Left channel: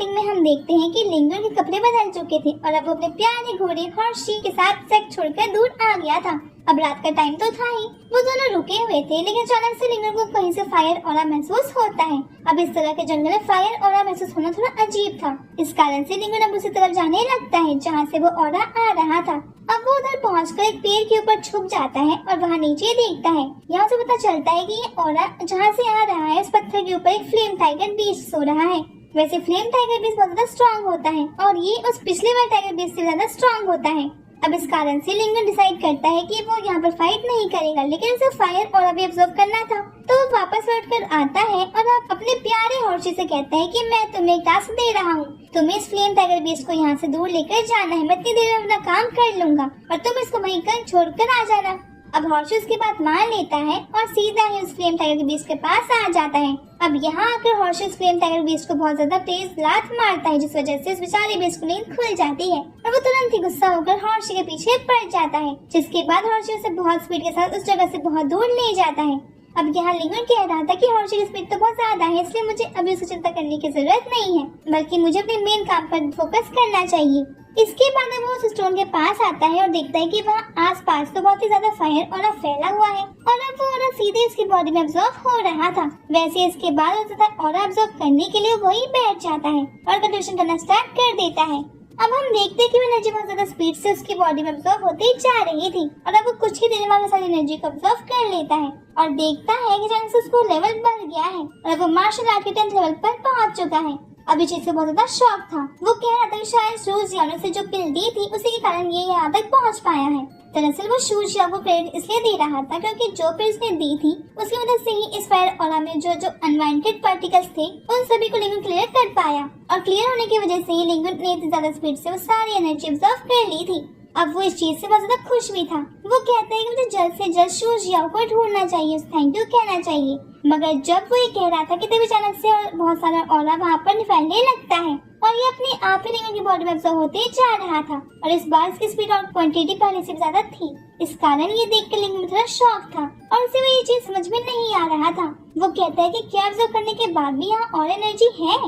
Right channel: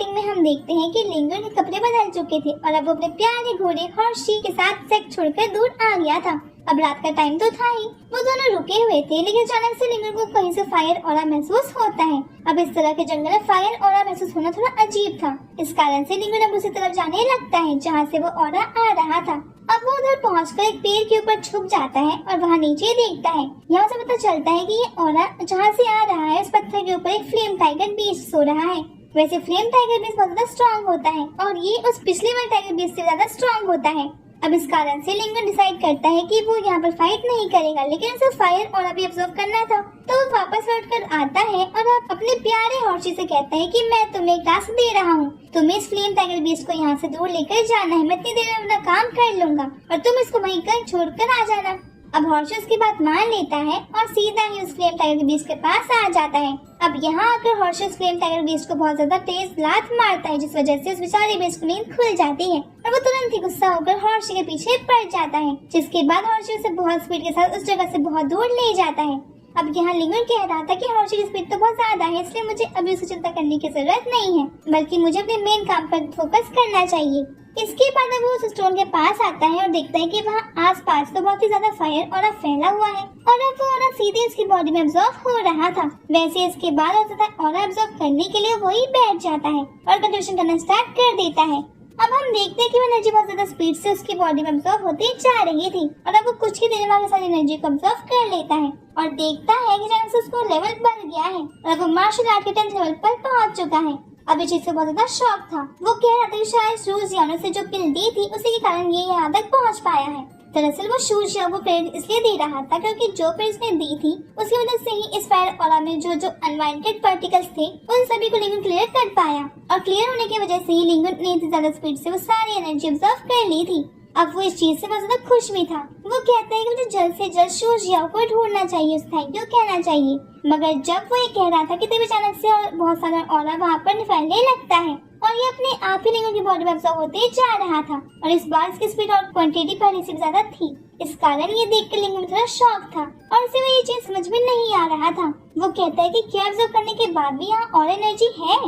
Starting में हम देखते हैं कि लिंगन के कपड़े बदल चुके थे और अब वो अपने प्यारे घोड़े हॉर्शी के साथ सेक्स छोड़कर दूर आ गया था। अब रात का टाइम तो था ही, वो दोनों रुके हुए थे, लेकिन अचानक से लिंगन को कहीं से फायर ऑरा महसूस होता है। अब इस तरह के जंगल में फायर ऑरा महसूस होना थोड़ा अजीब था। इस कारण से लिंगन अब उसी तरफ जाने लगता है जहाँ से वो ऑरा आ रहा था। अब वो उधर पहुंचकर एक पेड़ के ऊपर छुप जाता है और वहाँ नीचे देखता है। यहाँ से पता चलता है कि ये ऑरा जहाँ से आ रहा है उस पत्थर के ऊपर एक फ्लेम टाइगर बीस्ट सो रहा है। वैसे फ्लेम टाइगर बीस्ट बहुत ज्यादा स्ट्रॉन्ग होता है और ये उस पिछले वाले टाइगर बीस्ट से ज्यादा स्ट्रॉन्ग होता है। अब इस कारण से लिंगन डिसाइड करता है कि वो यहाँ पर फाइट नहीं करेगा, लेकिन उसे फायर और भी ऑब्जर्व करना था। तो वो वापस लौटकर आता है और अपने प्यारे हॉर्शी से कहता है कि मैं तुम्हें एक टास्क दे रहा हूँ, तुम्हें इस फ्लेम टाइगर बीस्ट को यहाँ से दूर लेकर जाना है। मैं इतनी देर में अपना काम कर लूंगा और तुम इसको वहीं कल छोड़कर आ जाना। अब हॉर्शी उसकी बात मान लेता है और सीधा ही उस फ्लेम टाइगर बीस्ट के पास आ जाता है। अब यहाँ आकर हॉर्शी उस फ्लेम टाइगर बीस्ट को बहुत ज्यादा तेज लात मारता है, जिस वजह से उस बेचारे बीस्ट की नींद खुल जाती है और वो तुरंत ही गुस्सा होकर हॉर्शी के पीछे पड़ जाता है, जिसके बाद हॉर्शी उसे बहुत स्पीड के साथ उस जगह से बहुत दूर ले जाता है। अब यहाँ लिंगन कह रहा था कि हॉर्शी की स्पीड तो बहुत ज्यादा है, इसलिए मुझे अभी उसे चिंता करने की जरूरत नहीं है, बल्कि मुझे अपने मेन काम पर फोकस करना चाहिए। इसके बाद वो उस स्टोन के पास आता है और देखता है कि वहाँ आसपास तो बहुत ही ज्यादा फायर और फैला हुआ है और अब वो सीधे इसकी बॉडी में अब्सॉर्ब हो रहा था। वैसे इसके बाद और अब्सॉर्ब करने के लिए वही बैठ जाता है और कंडीशन करना स्टार्ट कर देता है। अब हम देखते हैं कि वो एनर्जी बहुत ज्यादा स्पीड से उसकी बॉडी में अब्सॉर्ब होती जा रही थी और अब वो कुछ ही देर में सारी एनर्जी को अब्सॉर्ब कर लेता है और देखता है कि जैसे उसको लेवल बढ़ गया है और अब मार्शल आर्ट के 10th लेवल पर पहुंच चुका है। अब इस चीज से बहुत ज्यादा शौक था। वो कह रहा था कि शायद शूज यानो से जो पिल दी थी उसी के कारण ये यहाँ तक पहुँच पाया है। दरअसल वो शूज या को क्रेडिट इसलिए दे रहा था क्योंकि जो पिल उसने दी थी उसकी मदद से ही इस फायर ऑरा में जो अनवांटेड पार्टिकल्स थे उन सभी को लिंगन क्लियर कर पाया और क्लियर होने की वजह से ही लिंगन ने इतनी ज्यादा स्पीड से वो सारी एनर्जी ऑब्जर्व कर ली थी। अब वो इस चीज से बहुत ज्यादा खुश भी था। वो कहते हैं कि मुझे जल्द से जल्द शूज याओ को ढूंढना चाहिए, उस थैंक यू कहना चाहिए। मगर जब वो ये कह रहा था कि तभी अचानक से बहुत सारा ऑरा वहाँ पर फैलने लगता है और ये अपने आप ही लिंगन की बॉडी में अब्सॉर्ब होते जा रहा था और इस बार इसकी स्पीड और क्वांटिटी पहले से ज्यादा थी। इस कारण ये देखकर लिंगन में थोड़ा शॉक था और उसे वो ये चीज समझ में नहीं आ रहा था। वो कहता है कि क्या अब्सॉर्ब करने के बाद भी यहाँ और एनर्जी है।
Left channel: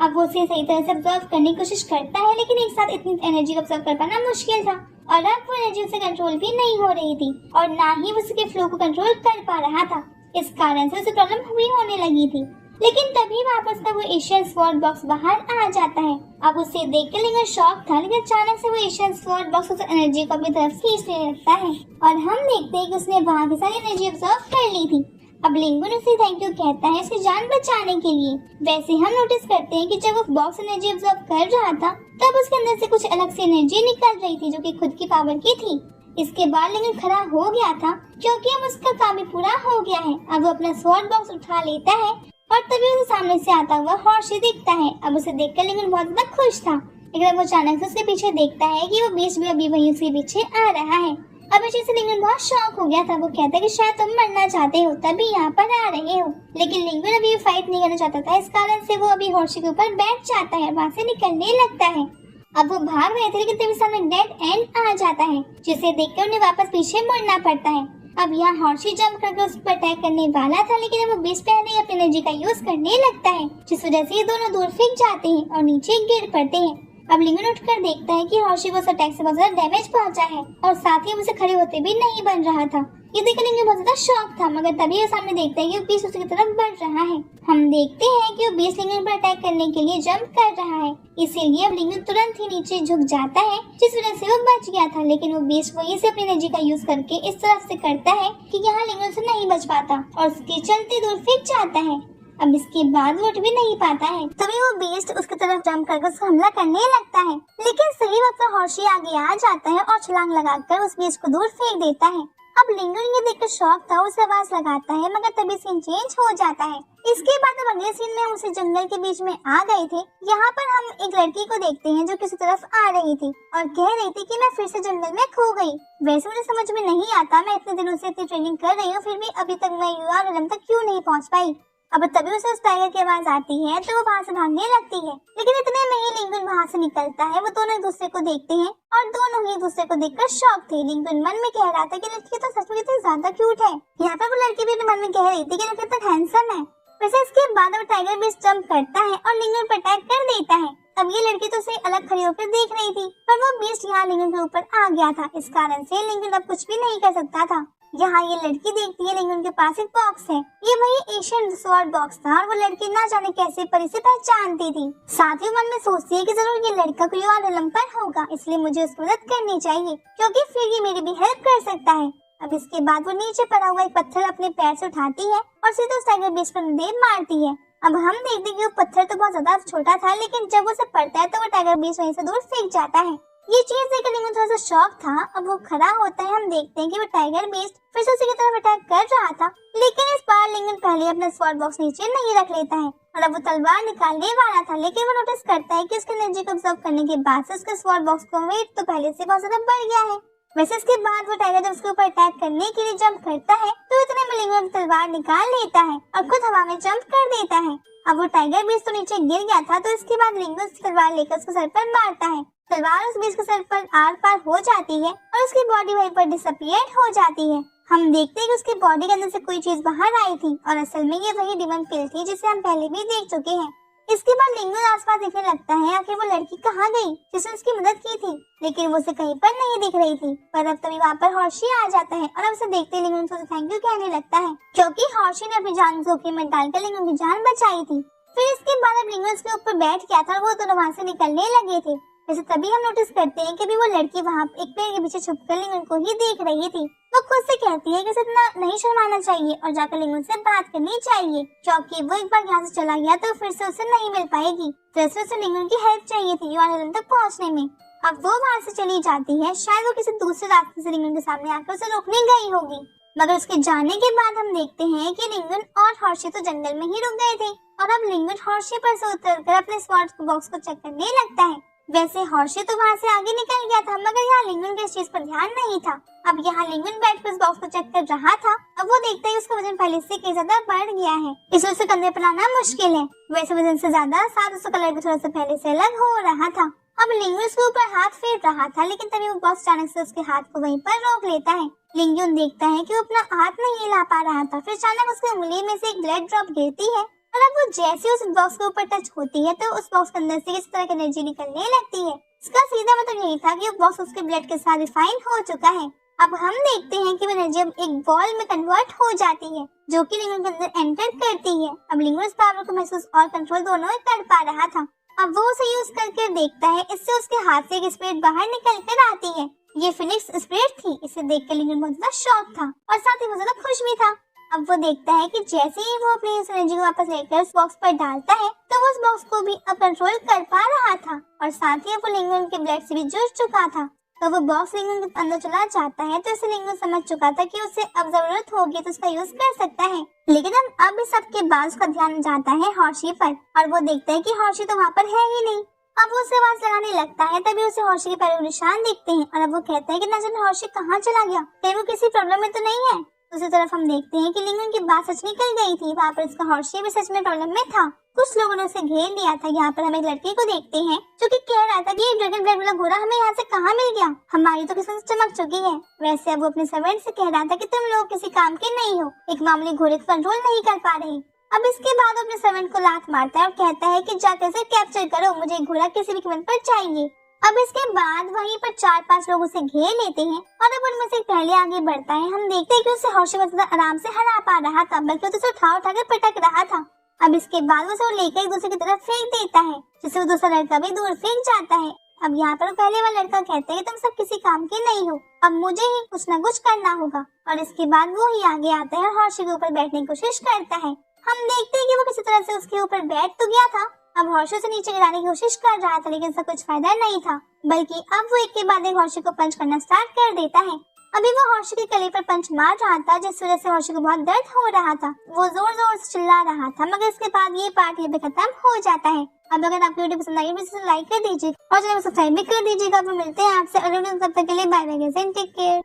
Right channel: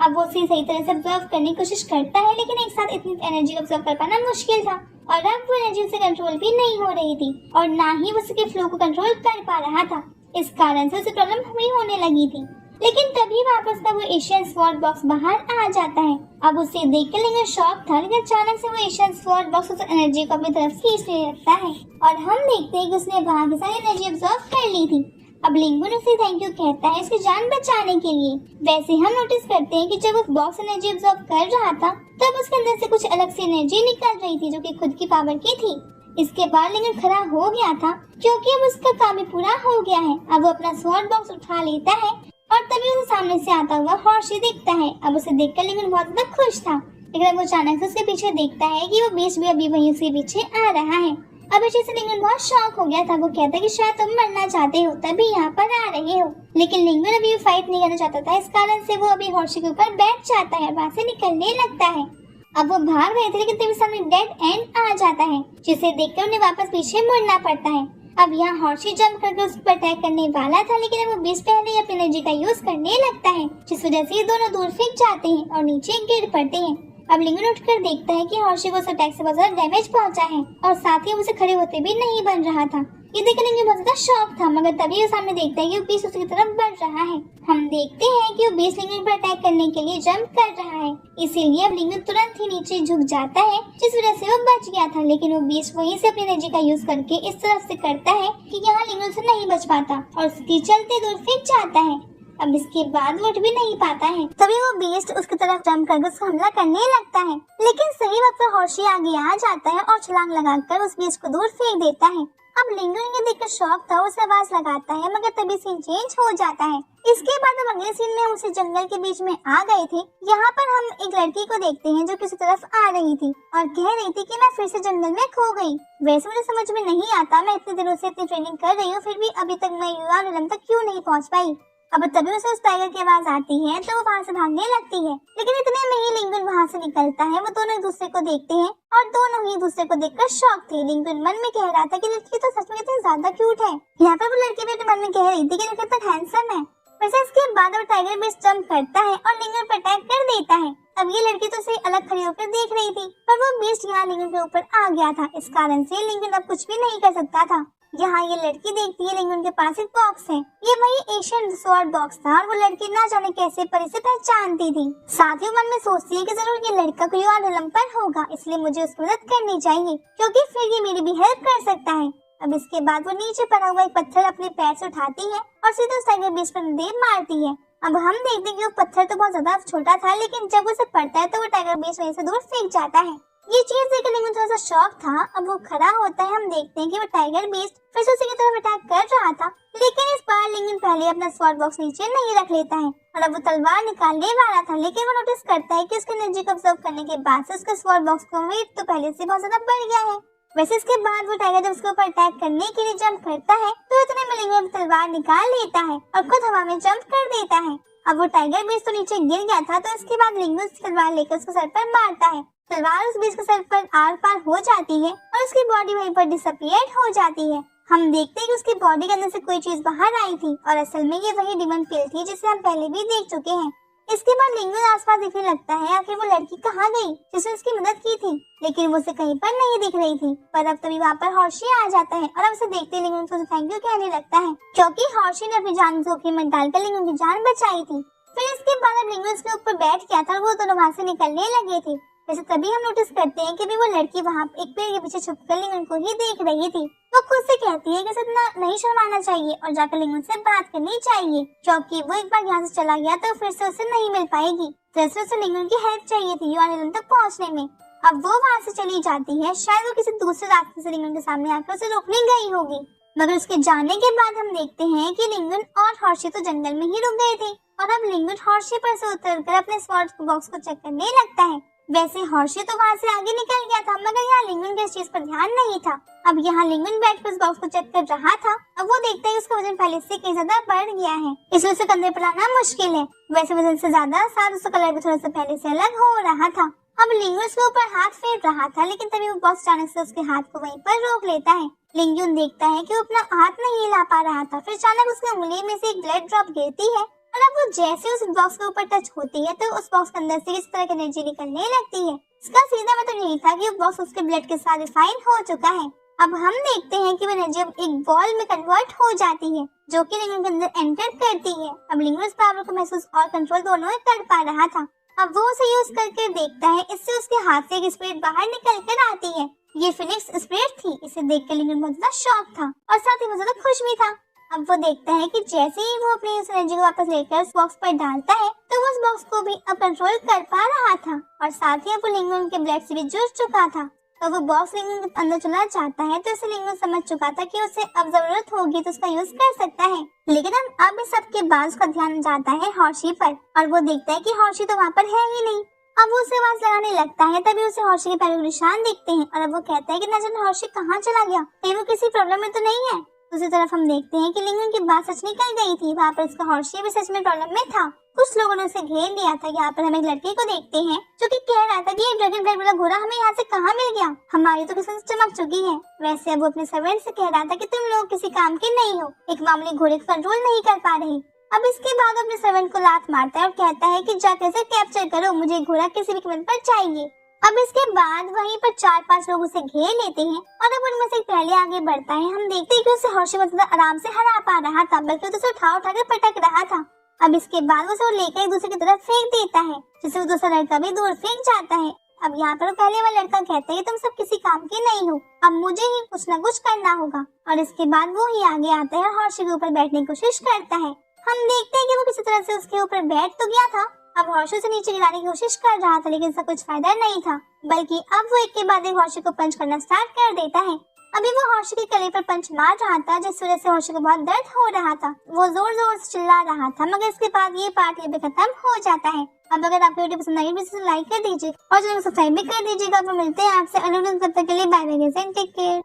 अब वो उसे सही तरह से अब्सॉर्ब करने की कोशिश करता है, लेकिन एक साथ इतनी एनर्जी को अब्सॉर्ब कर पाना मुश्किल था और अब वो एनर्जी से कंट्रोल भी नहीं हो रही थी और ना ही वो उसके फ्लो को कंट्रोल कर पा रहा था। इस कारण से उसे प्रॉब्लम हुई होने लगी थी। लेकिन तभी वापस का वो एशियन स्वॉर्ड बॉक्स बाहर आ जाता है। अब उसे देख कर लिंगन शॉक था, लेकिन अचानक से वो एशियन स्वॉर्ड बॉक्स उस एनर्जी को अपनी तरफ खींच ले रखता है और हम देखते हैं कि उसने वहाँ की सारी एनर्जी ऑब्जर्व कर ली थी। अब लिंगन उसे थैंक यू कहता है उसकी जान बचाने के लिए। वैसे हम नोटिस करते हैं कि जब वो बॉक्स एनर्जी ऑब्जर्व कर रहा था तब उसके अंदर से कुछ अलग से एनर्जी निकल रही थी जो कि खुद की पावर की थी। इसके बाद लिंगन खड़ा हो गया था क्योंकि अब उसका काम भी पूरा हो गया है। अब वो अपना स्वॉर्ड बॉक्स उठा लेता है और तभी उसे सामने से आता हुआ हॉर्शी दिखता है। अब उसे देखकर लिंगन बहुत ज्यादा खुश था, लेकिन वो अचानक से उसके पीछे देखता है कि वो बीच में अभी वहीं उसके पीछे आ रहा है। अब इस चीज से लिंगन बहुत शॉक हो गया था। वो कहता है कि शायद तुम मरना चाहते हो तभी यहाँ पर आ रहे हो, लेकिन लिंगन अभी फाइट नहीं करना चाहता था। इस कारण से वो अभी हॉर्शी के ऊपर बैठ जाता है, वहाँ से निकलने लगता है। अब वो भाग रहे थे लेकिन तभी सामने डेड एंड आ जाता है, जिसे देखकर उन्हें वापस पीछे मुड़ना पड़ता है। अब यहाँ हॉर्शी जंप करके उस पर अटैक करने वाला था, लेकिन वो बेस पहले ही अपनी एनर्जी का यूज करने लगता है, जिस वजह से ये दोनों दूर फेंक जाते हैं और नीचे गिर पड़ते हैं। अब लिंगन उठकर देखता है कि हॉर्शी को उस अटैक से बहुत ज्यादा डैमेज पहुंचा है और साथ ही उसे खड़े होते भी नहीं बन रहा था। ये देखकर लिंगन बहुत ज्यादा शॉक था, मगर तभी वो सामने देखता है कि वो बीस उसकी तरफ बढ़ रहा है। हम देखते हैं कि वो बीस लिंगन पर अटैक करने के लिए जंप कर रहा है, इसीलिए अब लिंगन तुरंत ही नीचे झुक जाता है, जिस वजह से वो बच गया था। लेकिन वो बीस वहीं से अपनी एनर्जी का यूज करके इस तरफ से करता है कि यहाँ लिंगन से नहीं बच पाता और उसके चलते दूर फेंक जाता है। अब इसके बाद वो उठ भी नहीं पाता है, तभी वो बीस्ट उसकी तरफ जंप करके उसको हमला करने लगता है, लेकिन सही वक्त पर हॉर्शी आगे आ जाता है और छलांग लगाकर उस बीस्ट को दूर फेंक देता है। अब लिंगन ये देखकर शॉक था, उसे आवाज लगाता है, मगर तभी सीन चेंज हो जाता है। इसके बाद हम अगले सीन में उसे जंगल के बीच में आ गए थे। यहाँ पर हम एक लड़की को देखते हैं जो किसी तरफ आ रही थी और कह रही थी कि मैं फिर से जंगल में खो गई। वैसे मुझे समझ में नहीं आता, मैं इतने दिनों से इतनी ट्रेनिंग कर रही हूँ, फिर भी अभी तक मैं यूआरएलएम तक क्यों नहीं पहुँच पाई। अब तभी उसे उस टाइगर की आवाज आती है तो वो वहाँ से भागने लगती है, लेकिन इतने में ही लिंगन वहाँ से निकलता है। वो दोनों एक दूसरे को देखते हैं और दोनों ही एक दूसरे को देखकर शॉक थे। लिंगन मन में कह रहा था कि लड़की तो सच में कितनी ज्यादा क्यूट है। यहाँ पर वो लड़की भी मन में कह रही थी कि लड़का तो हैंडसम है, वैसे इसके बाद वो टाइगर बीस्ट जंप करता है और लिंगन पर अटैक कर देता है। अब ये लड़की तो उसे अलग खड़ी होकर देख रही थी, पर वो बीस्ट यहाँ लिंगन के ऊपर आ गया था। इस कारण से लिंगन अब कुछ भी नहीं कर सकता था। यहाँ ये लड़की देखती है लिंगन के पास एक बॉक्स है। ये वही एशियन स्वॉर्ड बॉक्स था और वो लड़की ना जाने कैसे परी से पहचानती थी। साथ ही मन में सोचती है कि जरूर ये लड़का कोई और एलम पर होगा, इसलिए मुझे उसकी मदद करनी चाहिए क्योंकि फिर ये मेरी भी हेल्प कर सकता है। अब इसके बाद वो नीचे पड़ा हुआ एक पत्थर अपने पैर से उठाती है और सीधे उस टाइगर बीस्ट पर देर मारती है। अब हम देखते हैं कि वो पत्थर तो बहुत ज्यादा छोटा था, लेकिन जब उसे पड़ता है तो वो टाइगर बीस्ट वहीं से दूर फेंक जाता है। ये चीज देखकर लिंगन थोड़ा सा शॉक था। अब वो खड़ा होता है, हम देखते हैं कि वो टाइगर बीस्ट फिर से उसी की तरफ अटैक कर रहा था, लेकिन इस बार लिंगन पहले अपना स्वॉर्ड बॉक्स नीचे नहीं रख लेता है और अब वो तलवार निकालने वाला था, लेकिन वो नोटिस करता है कि उसके एनर्जी को ऑब्जर्व करने के बाद से उसके स्वॉर्ड बॉक्स का वेट तो पहले से बहुत ज्यादा बढ़ गया है। वैसे इसके बाद वो टाइगर जब उसके ऊपर अटैक करने के लिए जंप करता है तो इतने में लिंगन तलवार निकाल लेता है और खुद हवा में जंप कर देता है। अब वो टाइगर बीस्ट तो नीचे गिर गया था, तो इसके बाद लिंगन उसकी तलवार लेकर उसके सर पर मारता है। तलवार उस बीस्ट के सर पर आर पार हो जाती है और उसकी बॉडी वहीं पर डिसअपियर हो जाती है। हम देखते हैं कि उसकी बॉडी के अंदर से कोई चीज बाहर आई थी और असल में ये वही डिमन पिल थी जिसे हम पहले भी देख चुके हैं। इसके बाद लिंगन आसपास दिखने लगता है आखिर वो लड़की कहाँ गई जिसने उसकी मदद की थी, लेकिन वो उसे कहीं पर नहीं दिख रही थी। पर अब तभी वहाँ पर हॉर्शी आ जाता है और उसे देखते ही लिंगन को थैंक यू कहने लगता है क्योंकि हॉर्शी ने अपनी जान जोखिम में डालकर लिंगन की जान बचाई थी। फिर इसके बाद अब लिंगन उसके ऊपर बैठ गया था और वो दोनों वहाँ से निकलने लगे थे। वैसे तभी हम नोटिस करते हैं कि भी वो लड़की वहाँ एक पेड़ के पीछे छुपकर लिंगन को ही देख रही थी। वो खुद से कहती है कि उसे इतना नहीं शर्माना चाहिए और जाकर लिंगन से बात करनी चाहिए क्योंकि वो एक बार यहाँ से चला गया तो फिर से उसे नहीं मिल पाएगी। दरअसल उसे लिंगन की हेल्प चाहिए थी यूआरएल तक पहुँचने में। अब वो वहाँ से चली जाती है, शायद वो किसी दूसरे रास्ते से लिंगन के सामने आकर उसे रोकने गई होगी, मगर उसके जाने के बाद हम देखते हैं कि लिंगन और हॉर्शी तो जंगल में ही रुक गए थे और अब लिंगन हॉर्शी पर से उतरकर अपने स्वॉर्ड बॉक्स को चेक करने लगता है। वैसे हॉर्शी तो वहाँ से आगे निकल गया था, मगर यहाँ लिंगन के इस चीज पर ध्यान नहीं था। अब यहाँ लिंगन बैठकर उस बॉक्स को चेक कर रहा था। अब वो देखते हैं उसका वजन पहले से कई ज्यादा बढ़ गया है, इसलिए उसे कंधे पर लाना मुश्किल है। वैसे वजन से ज्यादा साथ उसका कलर भी थोड़ा सा पहले से अलग हो रहा था। अब लिंगन उसके ऊपर हाथ फेर रहा था, लेकिन तभी वो बॉक्स अचानक से उसके हाथ को वहीं पर रोक लेता है। लिंगन देखता है कि वो अपना हाथ नहीं हिला पा रहा था, फिर अचानक उसकी उंगली में से एक ब्लड ड्रॉप गिरती है और अब वो जैसे उस बॉक्स के ऊपर टच होती है तो उस बॉक्स के अंदर से इस तरह की एनर्जी निकलने लगती है। इसका सीधा मतलब यही था कि वो बॉक्स उसके ब्लड के साथ रिफाइन हो चुका है। अब हम देखते हैं कि वो एनर्जी अब एक बॉल में कन्वर्ट हो जाती है जो कि लिंगन के अंदर एंटर करती है। अब लिंगन उस पावर को महसूस और कंट्रोल दोनों ही कर पा रहा था। अब वो उसे यूज करके देखता है, इससे उसके हाथ से एक स्पिरिट बाहर निकल कर आती है। ये फिनिक्स स्पिरिट थी। इसे देख कर लिंगन बहुत ज्यादा शॉक था और साथ ही बहुत ज्यादा खुश भी था। अब वो देखता है कि जैसे ही वो अपनी इस एनर्जी को वापस लेकर उस बॉक्स पर डालता है तो वो उस बॉक्स को भी अब कंट्रोल कर पा रहा था और साथ ही वो लिंगन के ब्लड से भी जुड़ चुका था। तो वो बॉक्स लिंगन के अंदर चला जाता है, तो इसे लिंगन समझ चुका था कि उसे अब जरूरत होगी तो उसका यूज कर सकता है। लेकिन अब इस सब के बाद उसका ध्यान जाता है हॉर्शी पर और वो देखता है कि हॉर्शी तो वहाँ पर है ही नहीं। अब वो उसे आवाज लगाने लगता है, तभी उसे हॉर्शी के पैरों के निशान दिखते हैं और अब वो कहता है कि न जाने हॉर्शी कहाँ चला गया, कहीं वो किसी प्रॉब्लम में तो नहीं है। दूसरी तरफ हम देखते हैं कि लिंगन की बात सच निकल गई थी, वहाँ पर उसका हॉर्शी भी सच में प्रॉब्लम में था। कुछ लोगों ने उसे घेर लिया था। यहाँ पर हम एक लड़के को देखते हैं जो कि कह रहा था कि ये ड्रैगन ब्लड वाला घोड़ा हमें यहाँ से कहाँ मिल गया, हमारी तो किस्मत चमक चुकी है। वैसे अब वो अपने सर्वेंट से कह रहा था कि तुम लोग किसी काम के नहीं हो, एक मामूली घोड़े को कंट्रोल नहीं कर पा रहे। अब इसके बाद अपने सर्वेंट को लात मारता है और कहता है कि जाकर इसे कैप्चर करो, मुझे घोड़ा किसी भी कीमत पर चाहिए। अब इसके बाद वहीं पर 4-5 लोग उसे घेर लेते हैं और अब उनमें से पहले आगे बढ़ता है। हम देखते हैं कि उसे हॉर्शी बहुत आराम से हरा पा रहा था, बल्कि उसे उठा कर पटक रहा था। अब इसके बाद उसे लेकर एक दूसरे की तरफ फेंक देता है, जिससे वो दूसरा लड़का भी दूर फेंक जाता है। अब यहाँ पर पहले वाला लड़का कहता है कि तुम सब किसी काम के नहीं हो, अब मुझे ही कुछ न कुछ करना होगा। और इसके बाद वो ही आगे आता है और हॉर्शी के ऊपर बैठने की कोशिश करता है। हम देखते हैं कि वो किसी तरह से उसके ऊपर बैठ तो गया था। अब हॉर्शी से नीचे गिराने की कोशिश कर रहा था, लेकिन इसका कुछ फायदा नहीं था, बल्कि अब वो एक के बाद एक हॉर्शी को पंच करना स्टार्ट कर देता है। अभी वो हॉर्शी के गले पर पंच मार रहा था, जिस वजह से हॉर्शी को बहुत दर्द हो रहा था। वो जोर जोर से चिल्ला रहा था, मगर इसके बाद ये पार्ट यहाँ पे खत्म हो जाता है। अब अगर आपको वीडियो पसंद आई तो लाइक कर दीजिए और चैनल को सब्सक्राइब भी कर दीजिएगा। तो मिलते हैं आपसे अगले वीडियो में, तब तक के लिए बाय बाय, टेक केयर।